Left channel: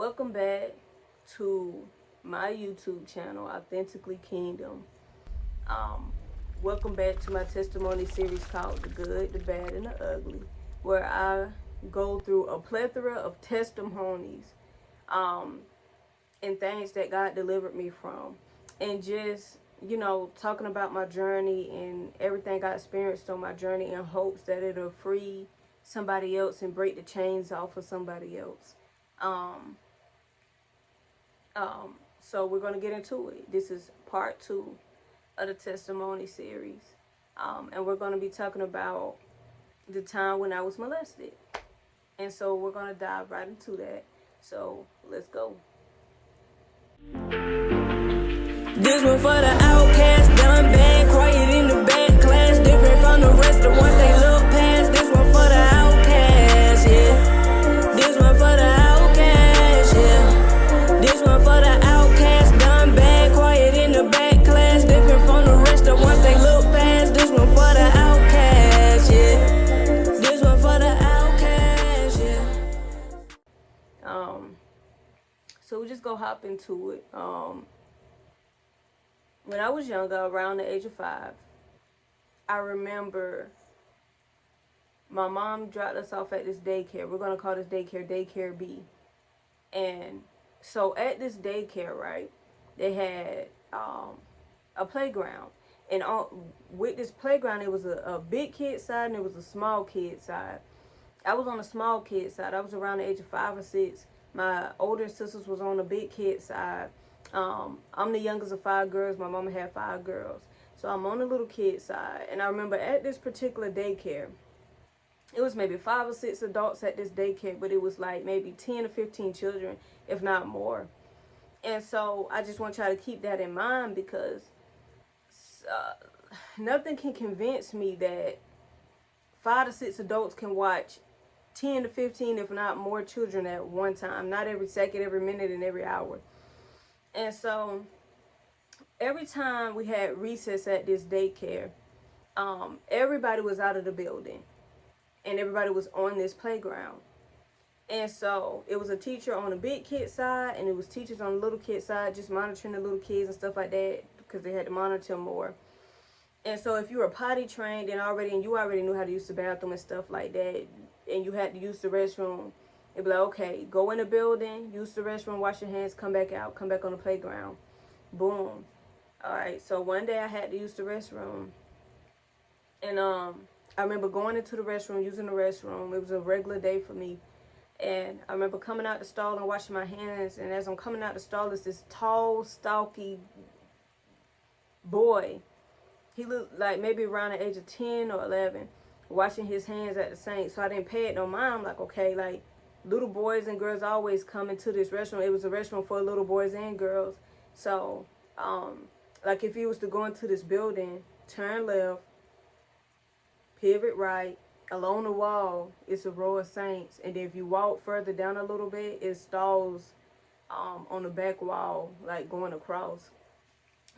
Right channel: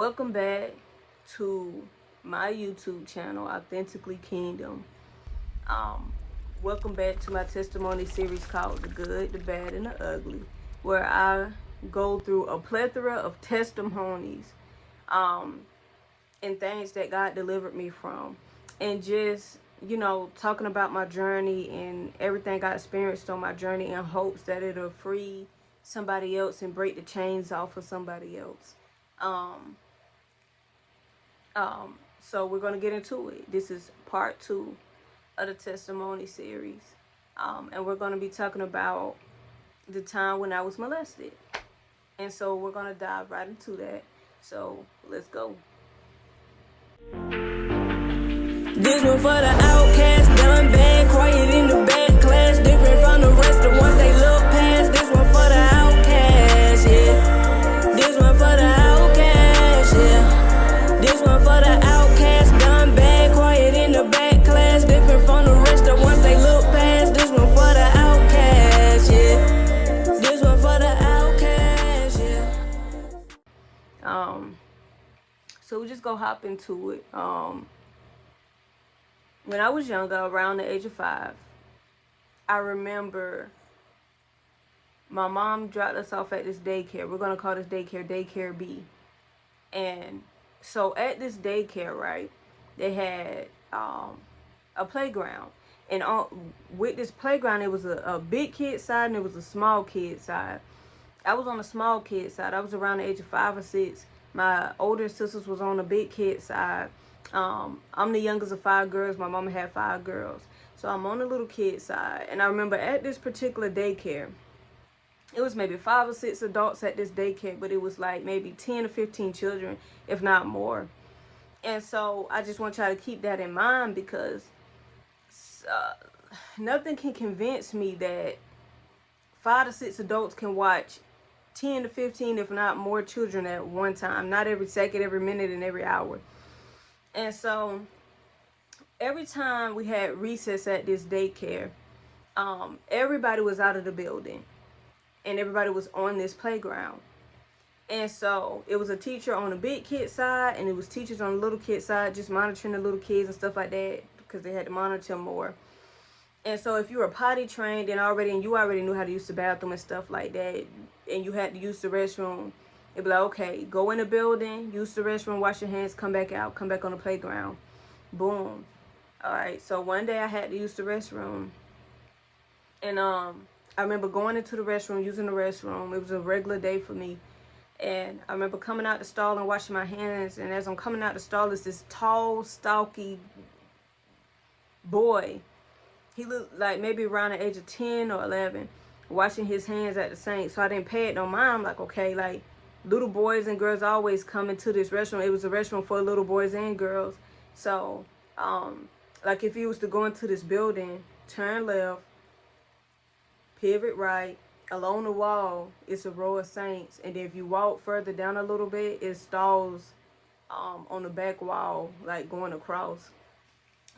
Welcome back to my YouTube channel, Authentically Kingdom. Um, Welcome back to my testimony series called The Good, the Bad, and the Ugly, where I go through a plethora of testimonies and things that God delivered me from, and just, talking about my journey and everything I experienced on my journey in hopes that it'll free somebody else and break the chains off of somebody else. So we're going to get into it. This is part 2 of the testimony series. And we're going to be talking about the time when I was molested. And so we're going to dive right into that. So let's go. This one for the outcast, done bad, quiet in the back class, different from the rest of ones they look past. This one for the outcast, yeah. This one for the outcast, yeah. This one for the outcast, done bad, quiet in the back class, different from the rest of ones they look past. This one for the outcast, yeah. This one for the outcast, yeah. So we just go hop into it. When I was younger, around the age of 5, I remember my mom dropped us off at this daycare. We're going to call this daycare B. And so at this daycare, right, they had a playground. And with this playground, it was a big kid side and it was a small kid side. I was on the small kid side. I was around the age of 5 or 6. My older sisters was on the big kid side. I'm the youngest of 5 girls. My mama had 5 girls. So I'm on the little kid side. And I remember at this particular daycare, it was maybe 5 or 6 adults at this daycare, but it was like maybe 10 or 15 children, if not more. And so I just want y'all to keep that in mind, because nothing can convince me that 5 to 6 adults can watch 10 to 15, if not more, children at one time. Not every second, every minute, and every hour. And so every time we had recess at this daycare, everybody was out of the building and everybody was on this playground. And so it was a teacher on the big kid side and it was teachers on the little kid side, just monitoring the little kids and stuff like that, because they had to monitor them more. And so if you were potty trained and you already knew how to use the bathroom and stuff like that, and you had to use the restroom, it'd be like, okay, go in the building, use the restroom, wash your hands, come back out, come back on the playground. Boom. All right, so one day I had to use the restroom. And I remember going into the restroom, using the restroom. It was a regular day for me. And I remember coming out the stall and washing my hands. And as I'm coming out the stall, is this tall, stocky boy. He looked like maybe around the age of 10 or 11, washing his hands at the sink. So I didn't pay it no mind. I'm like, okay, like, little boys and girls always come into this restaurant. It was a restaurant for little boys and girls. So, like, if you was to go into this building, turn left, pivot right, along the wall, it's a row of saints. And then if you walk further down a little bit, it's stalls on the back wall, like going across.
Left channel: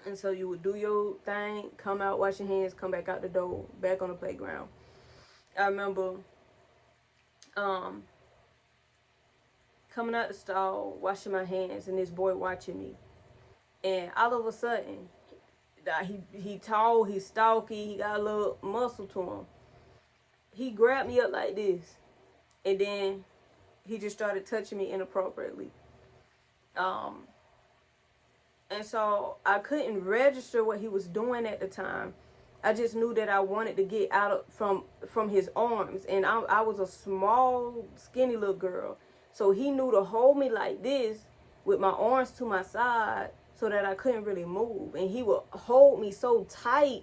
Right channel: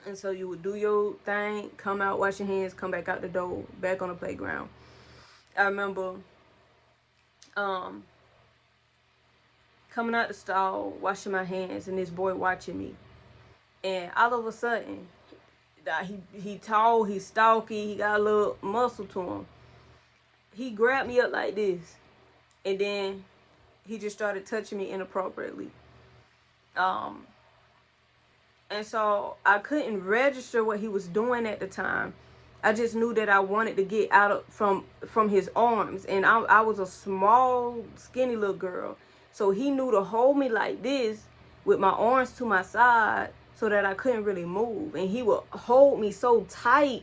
And so you would do your thing, come out, wash your hands, come back out the door, back on the playground. I remember coming out the stall, washing my hands, and this boy watching me. And all of a sudden, he tall, he's stocky, he got a little muscle to him. He grabbed me up like this, and then he just started touching me inappropriately. And so I couldn't register what he was doing at the time. I just knew that I wanted to get out from his arms. And I was a small, skinny little girl. So he knew to hold me like this with my arms to my side so that I couldn't really move. And he would hold me so tight,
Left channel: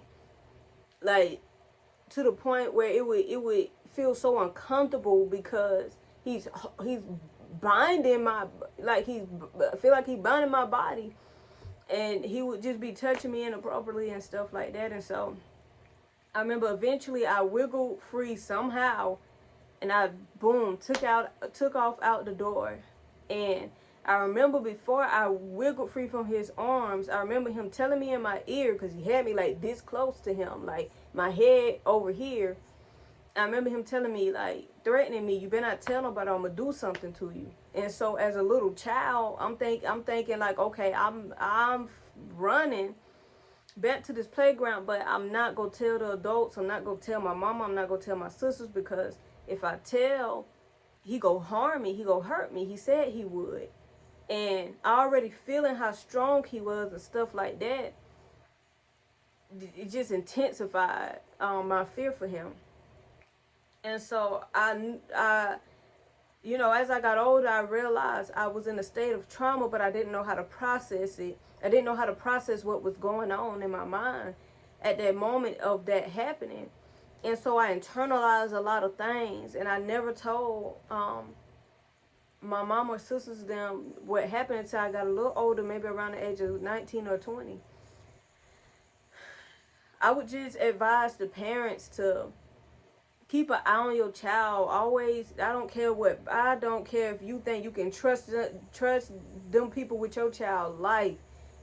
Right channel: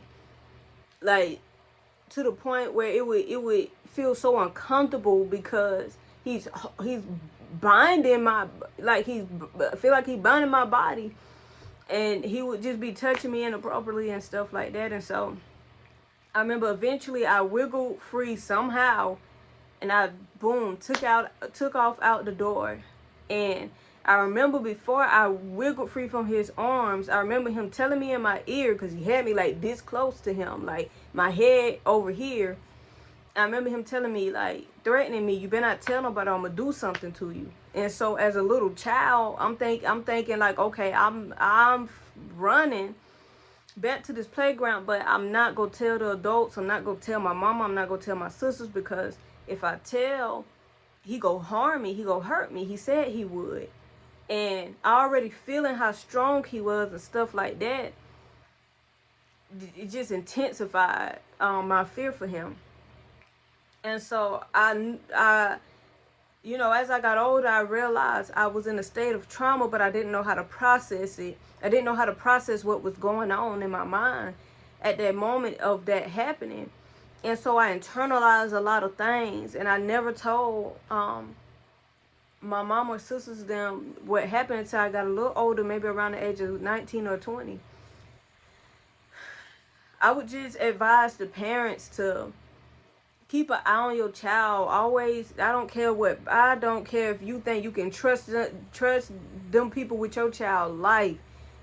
like, to the point where it would feel so uncomfortable, because he's binding I feel like he's binding my body. And he would just be touching me inappropriately and stuff like that. And so I remember eventually I wiggled free somehow, and I, boom, took off out the door. And I remember before I wiggled free from his arms, I remember him telling me in my ear, because he had me like this close to him, like my head over here. I remember him telling me, like, threatening me, you better not tell nobody, I'm gonna do something to you. And so as a little child, I'm thinking like, okay, I'm running back to this playground, but I'm not gonna tell the adults, I'm not gonna tell my mama, I'm not gonna tell my sisters, because if I tell, he go harm me, he go hurt me. He said he would. And I already feeling how strong he was and stuff like that, it just intensified my fear for him. And so as I got older, I realized I was in a state of trauma, but I didn't know how to process it. I didn't know how to process what was going on in my mind at that moment of that happening. And so I internalized a lot of things, and I never told my mom or sisters them what happened until I got a little older, maybe around the age of 19 or 20. I would just advise the parents to keep an eye on your child. Always, I don't care if you think you can trust them people with your child life.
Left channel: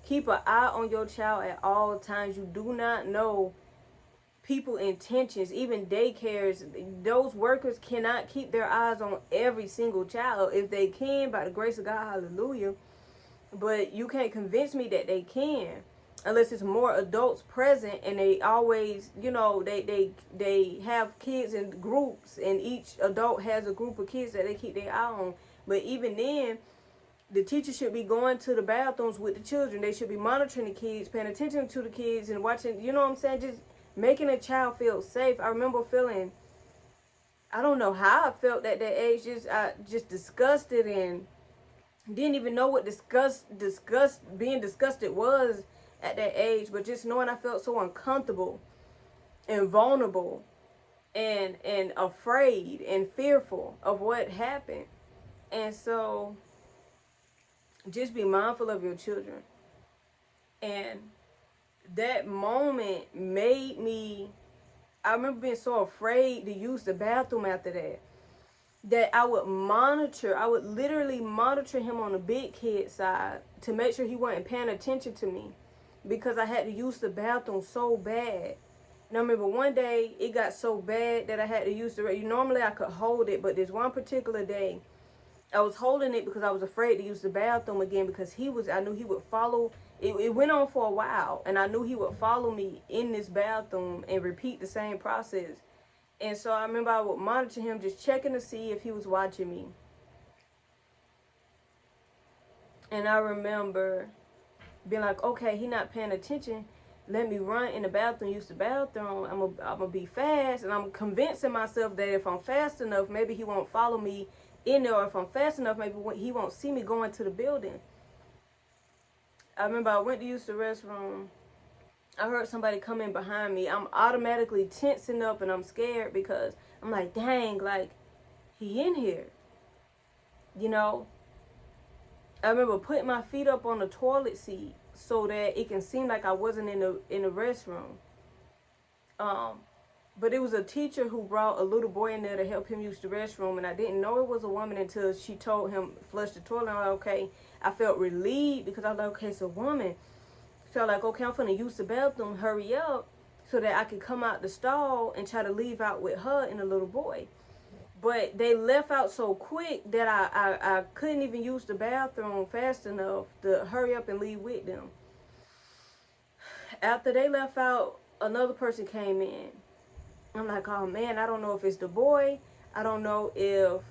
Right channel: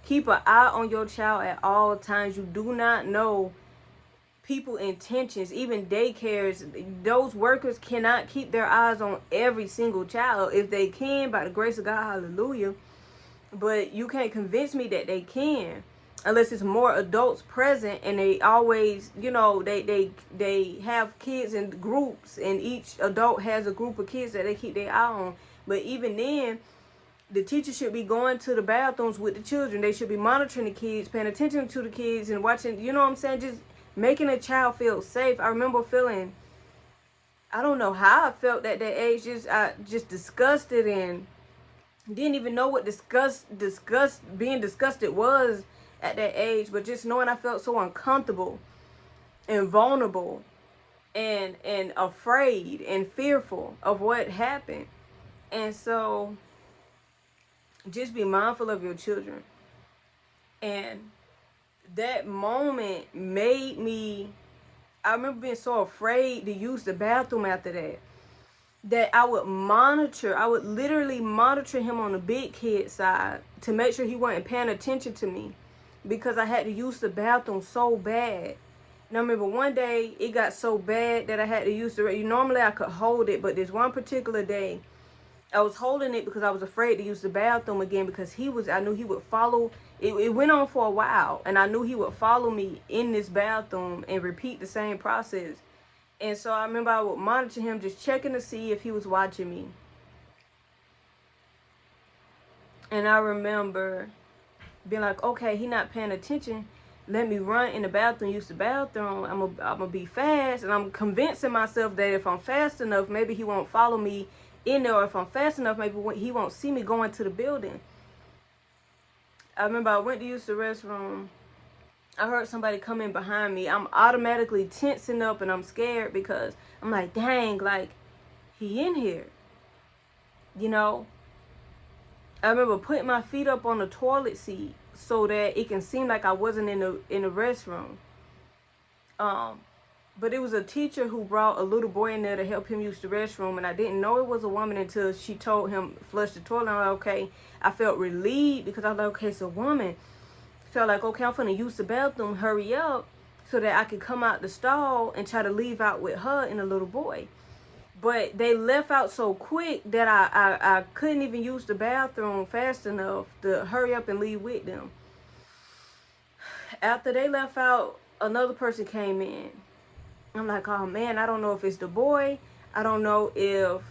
Keep an eye on your child at all times. You do not know people's intentions. Even daycares, those workers cannot keep their eyes on every single child. If they can, by the grace of God, hallelujah. But you can't convince me that they can, unless it's more adults present, and they always, they have kids in groups, and each adult has a group of kids that they keep their eye on. But even then, the teacher should be going to the bathrooms with the children. They should be monitoring the kids, paying attention to the kids, and watching, you know what I'm saying, just making a child feel safe. I remember feeling, I don't know how I felt at that age, just disgusted, and didn't even know what being disgusted was at that age. But just knowing I felt so uncomfortable and vulnerable and afraid and fearful of what happened. And so just be mindful of your children. And that moment made me, I remember being so afraid to use the bathroom after that I would literally monitor him on the big kid side to make sure he wasn't paying attention to me, because I had to use the bathroom so bad. And I remember one day it got so bad that I had to use normally I could hold it, but this one particular day I was holding it because I was afraid to use the bathroom again, because I knew he would follow. It went on for a while, and I knew he would follow me in this bathroom and repeat the same process. And so I remember I would monitor him, just checking to see if he was watching me. And I remember being like, okay, he not paying attention. Let me run in the bathroom, use the bathroom. I'm gonna be fast. And I'm convincing myself that if I'm fast enough, maybe he won't follow me in there. Or if I'm fast enough, maybe he won't see me going to the building. I remember I went to use the restroom. I heard somebody come in behind me. I'm automatically tensing up, and I'm scared because I'm like, dang, like, he in here. I remember putting my feet up on the toilet seat so that it can seem like I wasn't in the restroom. But it was a teacher who brought a little boy in there to help him use the restroom, and I didn't know it was a woman until she told him flush the toilet. I'm like, okay. I felt relieved because I was like, okay, it's a woman. Felt like, okay, I'm gonna use the bathroom, hurry up, so that I could come out the stall and try to leave out with her and the little boy. But they left out so quick that I couldn't even use the bathroom fast enough to hurry up and leave with them. After they left out, another person came in. I'm like, oh man, I don't know if it's the boy. I don't know if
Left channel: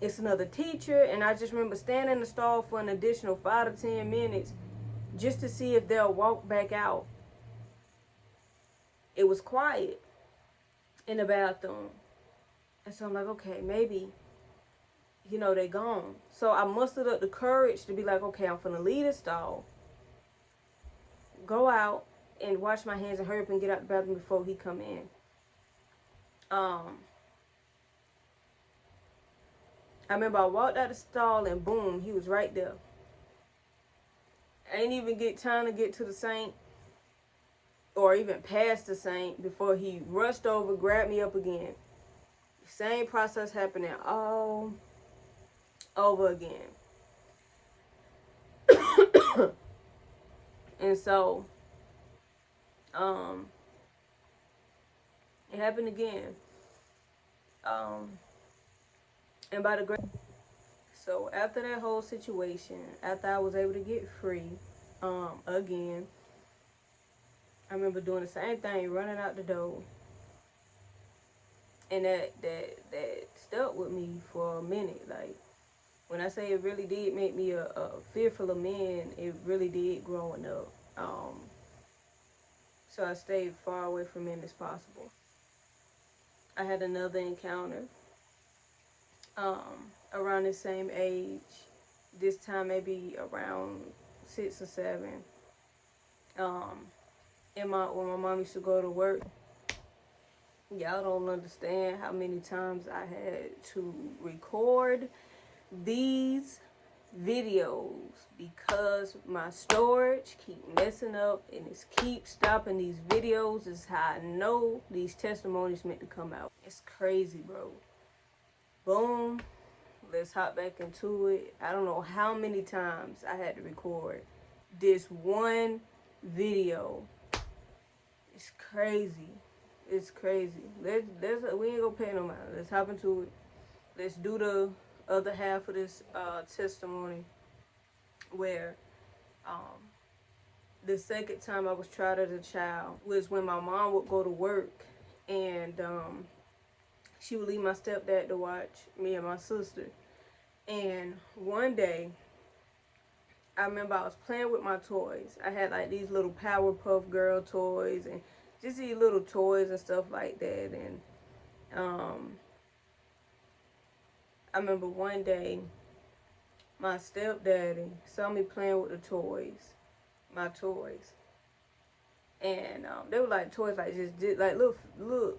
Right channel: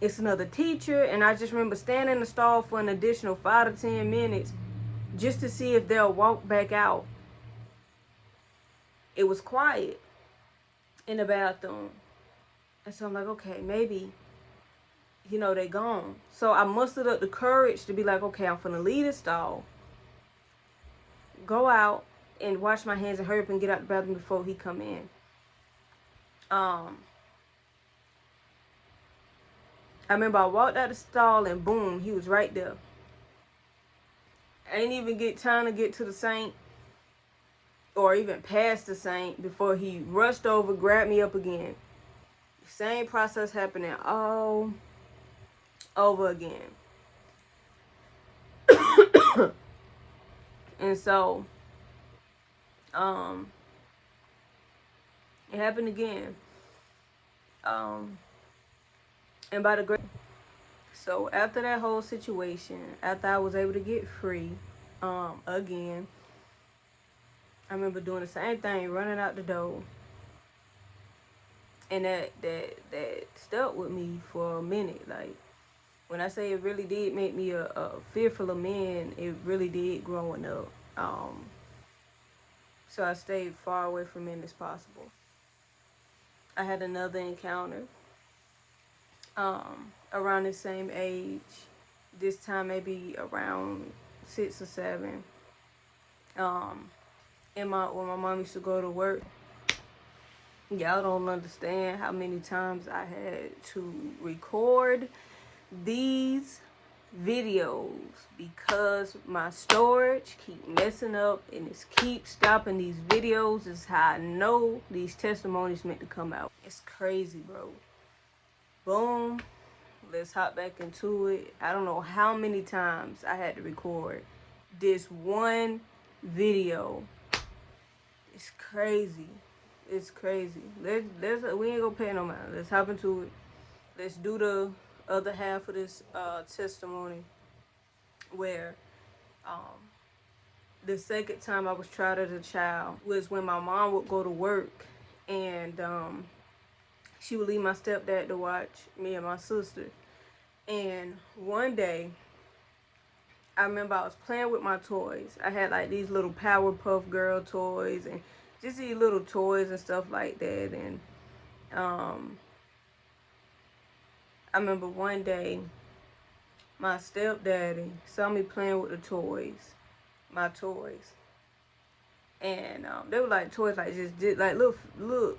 it's another teacher. And I just remember standing in the stall for an additional 5 to 10 minutes just to see if they'll walk back out. It was quiet in the bathroom. And so I'm like, okay, maybe, they gone. So I mustered up the courage to be like, okay, I'm finna leave the stall, go out and wash my hands and hurry up and get out the bathroom before he come in. I remember I walked out the stall and boom, he was right there. I didn't even get time to get to the sink or even past the sink before he rushed over, grabbed me up again. Same process happening all over again. And so, it happened again. And by the grace, so after that whole situation, after I was able to get free, again, I remember doing the same thing, running out the door, and that stuck with me for a minute. Like, when I say it really did make me a fearful of men, it really did growing up. So I stayed far away from men as possible. I had another encounter around the same age, this time maybe around 6 or 7. When my mom used to go to work, y'all don't understand how many times I had to record these videos because my storage keep messing up and it keeps stopping these videos. Is how I know these testimonies meant to come out. It's crazy, bro. Boom. Let's hop back into it. I don't know how many times I had to record this one video. It's crazy. It's crazy. We ain't gonna pay no mind. Let's hop into it. Let's do the other half of this testimony where the second time I was tried as a child was when my mom would go to work and she would leave my stepdad to watch me and my sister. And one day, I remember I was playing with my toys. I had like these little Powerpuff Girl toys and just these little toys and stuff like that. And I remember one day, my stepdaddy saw me playing with the toys, my toys. And they were like toys like just like little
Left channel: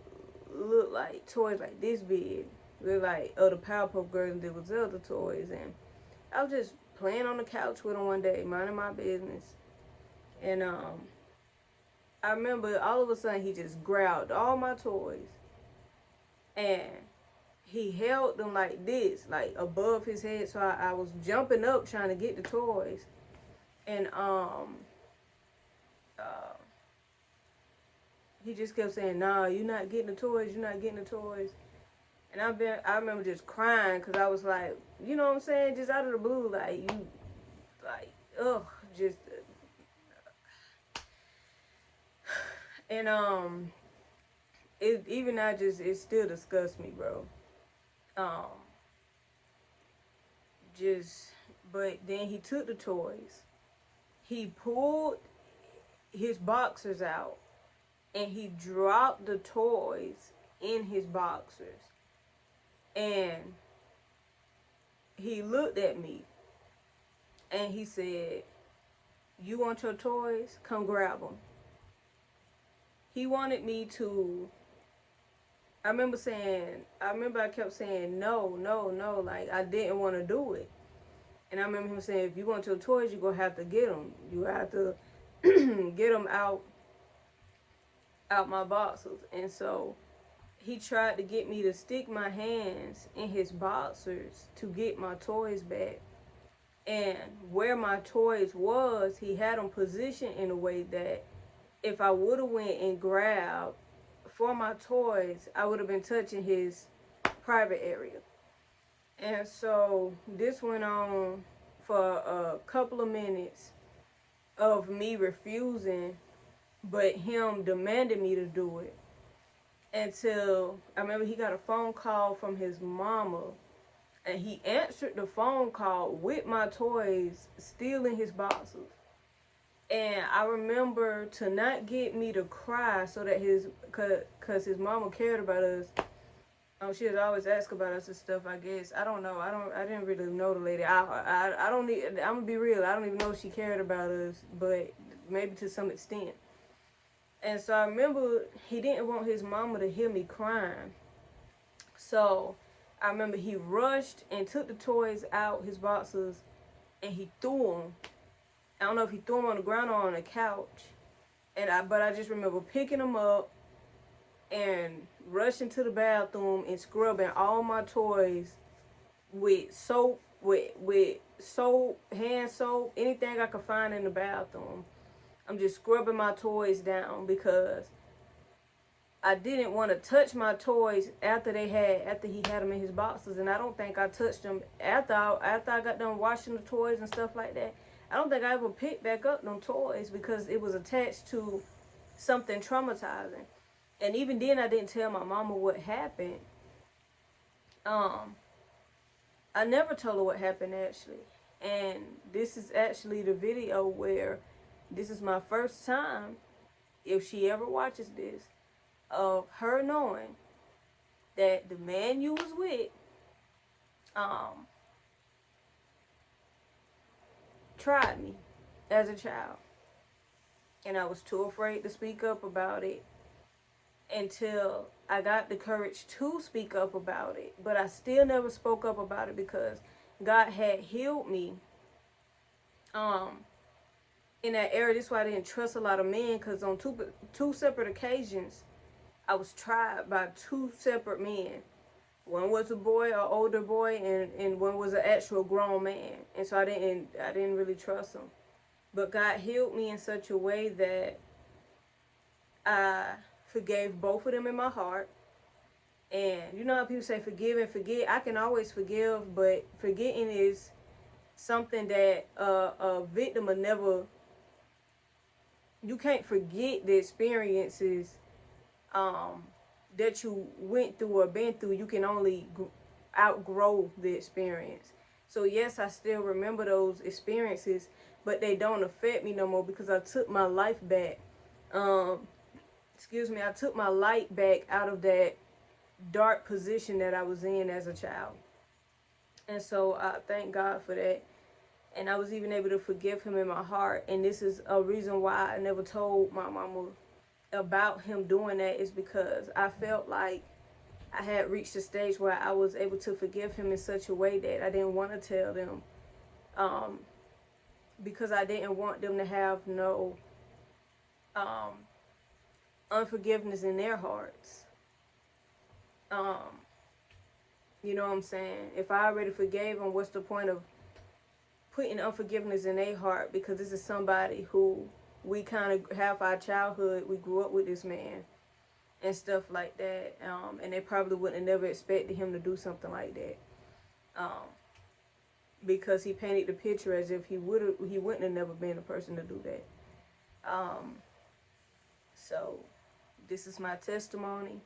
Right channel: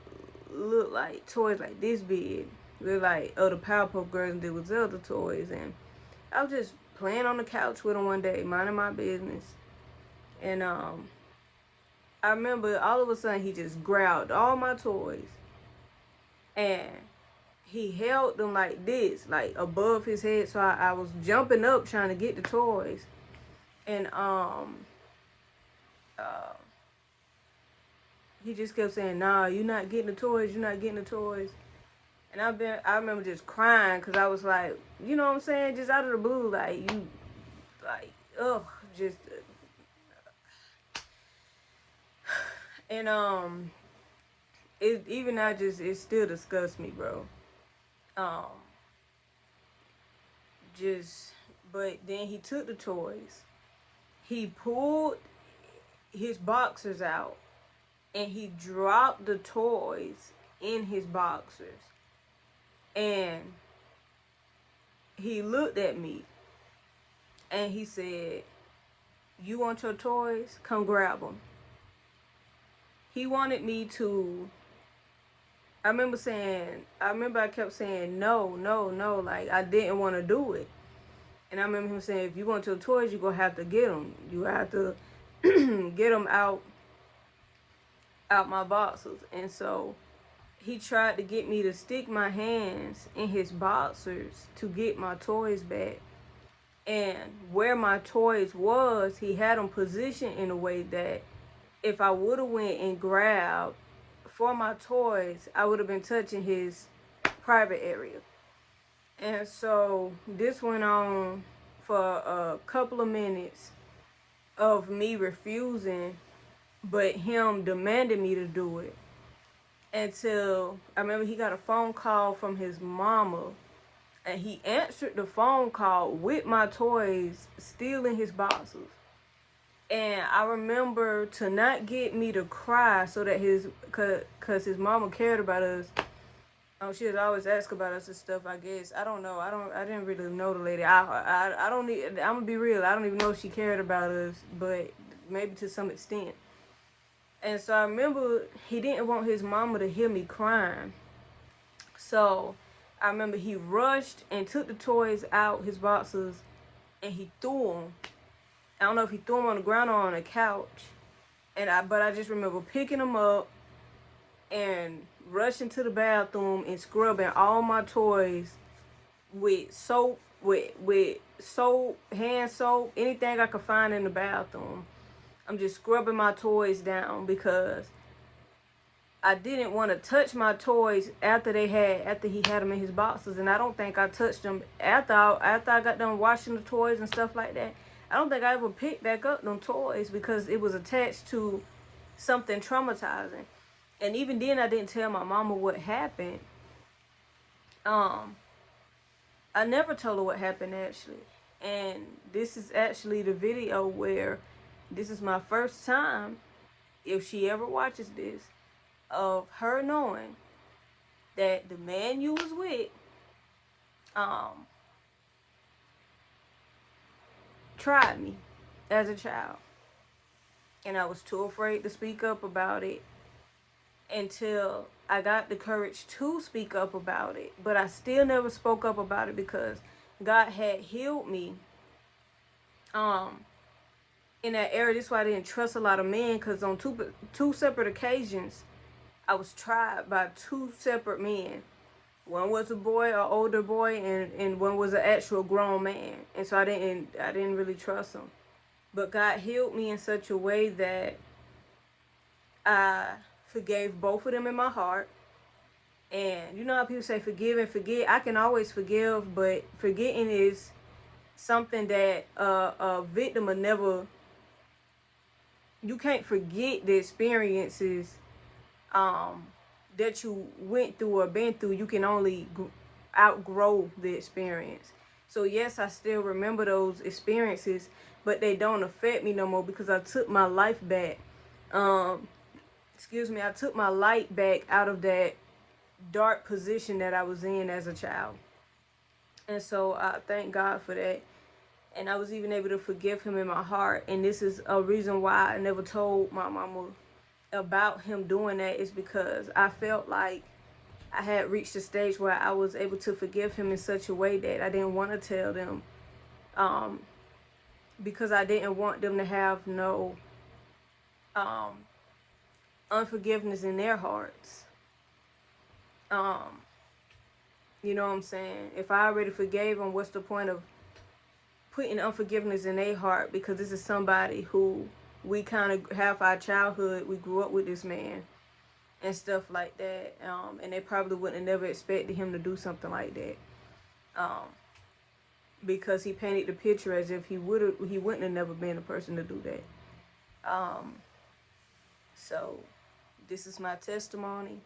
like toys like this big. They're like other Powerpuff Girls and there was other toys. And I was just playing on the couch with him one day, minding my business. And I remember all of a sudden he just grabbed all my toys and he held them like this, like above his head. So I was jumping up trying to get the toys. And he just kept saying, "Nah, you're not getting the toys, you're not getting the toys." And I remember just crying because I was like, you know what I'm saying? Just out of the blue, like, ugh, just. And it still disgusts me, bro. But then he took the toys. He pulled his boxers out and he dropped the toys in his boxers. And he looked at me and he said, "You want your toys? Come grab them." He wanted me to, I remember I kept saying, no, like I didn't want to do it. And I remember him saying, "If you want your toys, you're going to have to get them. You have to get them out my boxers." And so he tried to get me to stick my hands in his boxers to get my toys back. And where my toys was, he had them positioned in a way that if I would have went and grabbed for my toys, I would have been touching his private area. And so this went on for a couple of minutes of me refusing, but him demanding me to do it. Until I remember he got a phone call from his mama, and he answered the phone call with my toys still in his boxes. And I remember to not get me to cry so that cause his mama cared about us. She would always ask about us and stuff, I guess. I don't know. I didn't really know the lady. I don't need, I'm gonna be real. I don't even know if she cared about us, but maybe to some extent. And so I remember he didn't want his mama to hear me crying. So I remember he rushed and took the toys out his boxes and he threw them. I don't know if he threw them on the ground or on a couch. But I just remember picking them up and rushing to the bathroom and scrubbing all my toys with soap, with soap, hand soap, anything I could find in the bathroom. I'm just scrubbing my toys down because I didn't want to touch my toys after he had them in his boxes, and I don't think I touched them after I got done washing the toys and stuff like that. I don't think I ever picked back up them toys because it was attached to something traumatizing. And even then, I didn't tell my mama what happened. I never told her what happened actually. And this is actually the video where this is my first time, if she ever watches this, of her knowing that the man you was with tried me as a child. And I was too afraid to speak up about it until I got the courage to speak up about it. But I still never spoke up about it because God had healed me in that area. This is why I didn't trust a lot of men, because on two separate occasions I was tried by two separate men. One was a boy, an older boy, and one was an actual grown man. And so I didn't really trust him. But God healed me in such a way that I forgave both of them in my heart. And you know how people say forgive and forget? I can always forgive, but forgetting is something that a victim will never. You can't forget the experiences that you went through or been through. You can only outgrow the experience. So yes, I still remember those experiences, but they don't affect me no more because I took my life back. I took my light back out of that dark position that I was in as a child. And so I thank God for that. And I was even able to forgive him in my heart. And this is a reason why I never told my mama about him doing that, is because I felt like I had reached a stage where I was able to forgive him in such a way that I didn't want to tell them, because I didn't want them to have no unforgiveness in their hearts. You know what I'm saying? If I already forgave them, what's the point of putting unforgiveness in their heart? Because this is somebody who we kind of have our childhood. We grew up with this man and stuff like that. And they probably wouldn't have never expected him to do something like that. Because he painted the picture as if he wouldn't have never been a person to do that. So this is my testimony.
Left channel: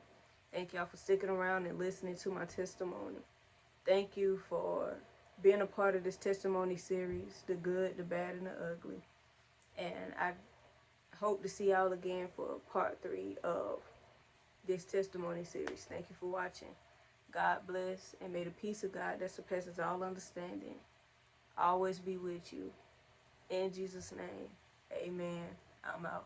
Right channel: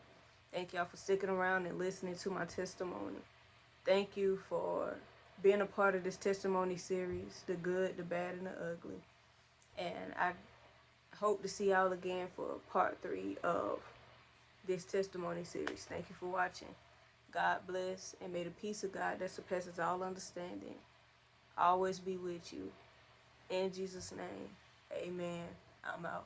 Thank y'all for sticking around and listening to my testimony. Thank you for being a part of this testimony series, the good, the bad, and the ugly. And I hope to see y'all again for part 3 of this testimony series. Thank you for watching. God bless, and may the peace of God that surpasses all understanding always be with you. In Jesus' name, amen. I'm out.